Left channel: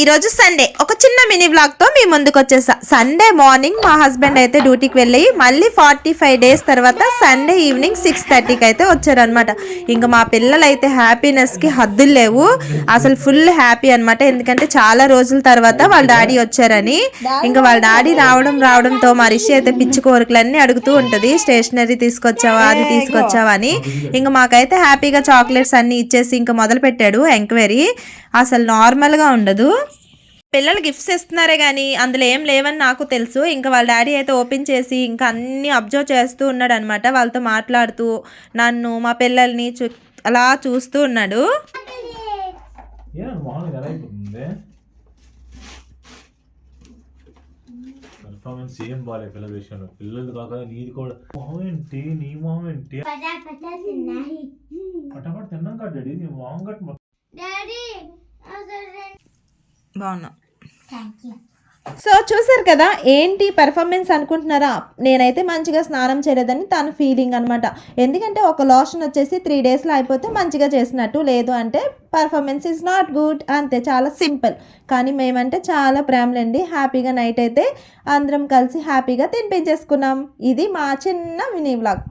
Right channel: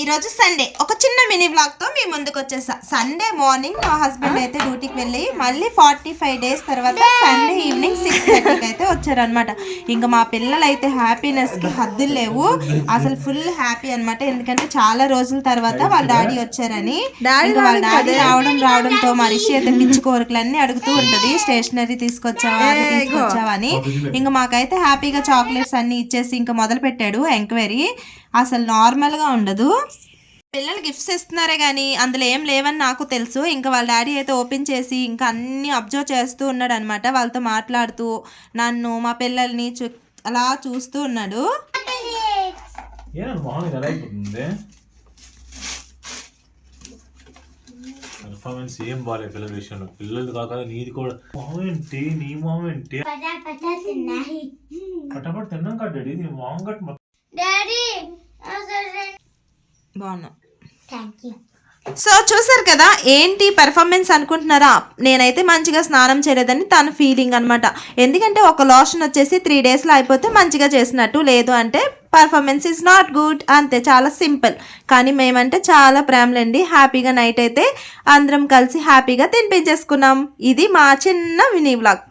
ఈరోజు సండే ఒక చిన్న మినీ వ్లాగ్తో మీ ముందుకు వచ్చేసా. సండే మార్నింగ్ మా హస్బెండ్ అయితే డ్యూటీకి వెళ్ళి మళ్ళీ 45 డేస్ తర్వాత సండే ఈవినింగ్ 6:30కి అయితే వచ్చారనమాట. ఇంకా మా పిల్లలు అయితే హ్యాపీనెస్కి హద్దులు లేవు, అసలు ఫుల్ హ్యాపీ అనమాట. ఎందుకంటే చాలా రోజుల తర్వాత వాళ్ళ డాడీ వచ్చారని. ఇంకా వాళ్ళ డాడీ రావడంతో మా రిషి అయితే పిచ్చి కోరికలన్నీ అడుగుతూ ఉంటుంది, స్టేషనరీ తీసుకొచ్చావా అది తీసుకొచ్చావా అని. ఇంకా మాకైతే హ్యాపీగా చాక్లెట్స్ అన్ని ఇచ్చేసి ఇంకా మొదలు పెట్టాడు ఎంక్వైరీ. అసలు నార్మల్గా ఉండదు. పిల్లలు గిఫ్ట్స్ ఇస్తున్నారే కానీ అందులో ఏం లేవని నాకు తెలుసు. ఇంకా వాళ్ళ డాడీ అయితే ఓపెన్ చేసి ఇంకా అన్నీ అబ్జర్వ్ చేస్తూ ఉన్నాడు అనమాట. వాళ్ళతో మాట్లాడుతూ నన్ను మా పిల్లల్ని అలా చూస్తూ ఉన్నాడు. పర్ఫార్మెన్స్ ఏం బాగాలేదు పిల్లల విషయంలో. పిల్లలు కాక నీది కూడా మొహం ఏంటి, నీ మొహం ఏంటి? పటాపట్ తిన్నాం కదా డాడీ, నీ మొహం గట్టి బాగున్నా. సో చూసారు కదా ఏంటి పెర్ఫార్మెన్స్ అనుకుంటున్నారా? నేనైతే మంచిగా స్నానం చేయలేదని తన ఫీలింగ్ అనమాట. ఎందుకంటే ఒక లోషన్ వచ్చేసి 3 డేస్లో అయిపోతే మంచిగా చేసినట్టు, లేదు అంటే పర్ఫార్మెన్స్ ఈజ్ నాట్ గుడ్, అంతే, చాలా సింపుల్. కానీ మేమంటే చాలా ప్రేమలండి. హ్యాపీగా నైట్ అయితే అందరం కలిసి హ్యాపీగా తినిపించేసుకున్నాం. ఇది మా చిన్న మినీ వ్లాగ్.